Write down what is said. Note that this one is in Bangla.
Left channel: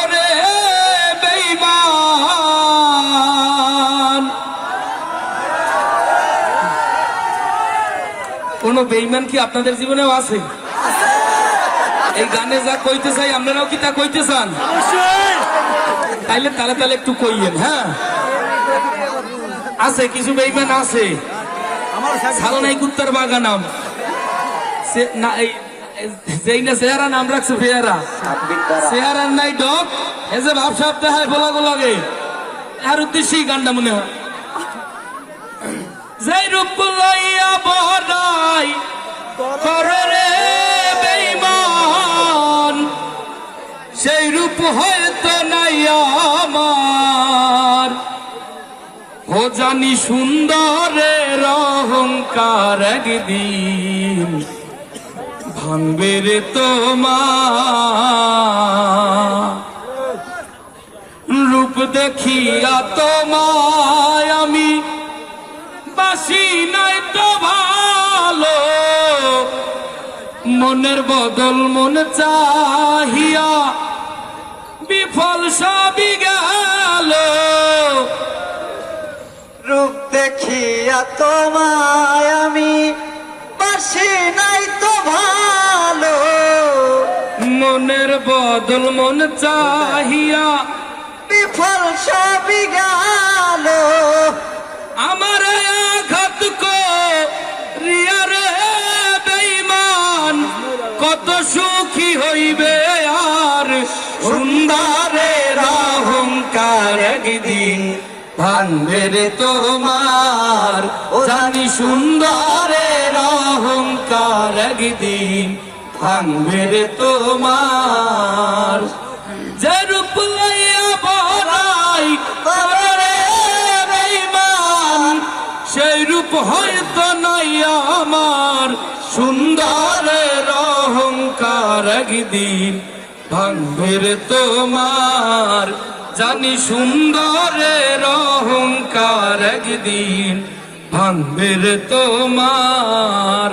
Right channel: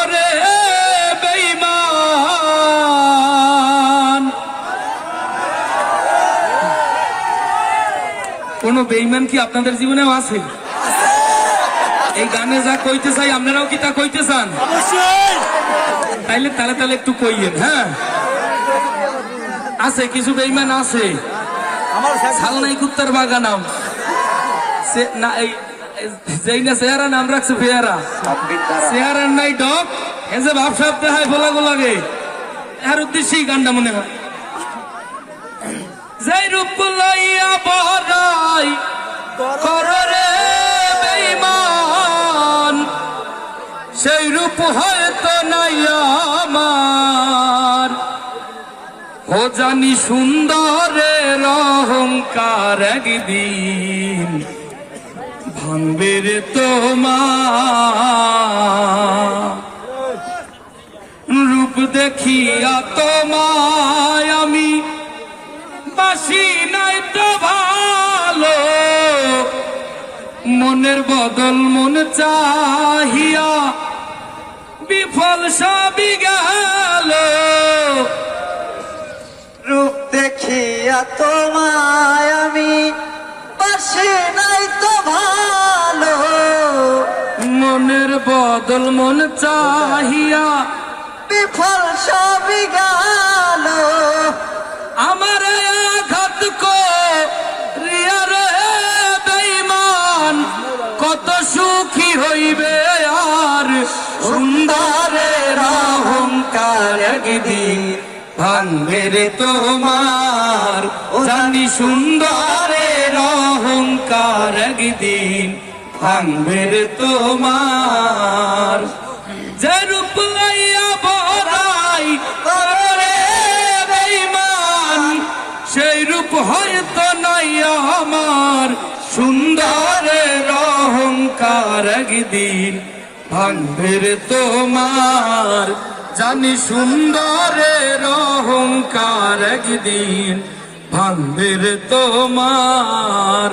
করে বেইমান কোন বেইমান কি আপনাদের জীবনেও আছে? এই গানে যা কইতে চাই আপনারাও কি তা কইতে চান? তাইলে তাহলে তাহলে একটু কইয়েন হ্যাঁ? আছে কিছু বেইমান আছে। আমার সালনাই কুত্তার বাগানাম। সে না এই যেই না চেহারা, নাম রাখছে পেয়ারা। চেহারার নাই ডক এ যে ভাব সাপ দেখায় বলা লাগে। এর উদ্দেশ্যেই গানটা মনে হয়। যেই রূপ লইয়া বড়াই করে রে বেঈমান, সেই রূপ হয়তো নাই আমার। ও জানি সুন্দরের অহংকার একদিন ভাঙবে রে তোমার। রূপ দেখিয়া তোমায় আমি বাসি নাই তো ভালো। মনের বদল মন চাহিয়া বিফল সবই গেল। রূপ দেখিয়া তোমায় বদল মন চাহিয়া বিফল সবই গেল। আমার আঘাত রিয়া রে বেঈমান, কত সুখী হইবে আর? সুন্দরের অহংকার একদিন ভাঙবে রে তোমার জানি সুন্দরের অহংকার একদিন ভাঙবে রে তোমার। যে রূপ লইয়া বড়াই করে রে বেঈমান, সেই রূপ হয়তো নাই আমার। সুন্দরের অহংকার একদিন ভাঙবে রে তোমার। জানি সুন্দরের অহংকার একদিন ভাঙবে রে তোমার।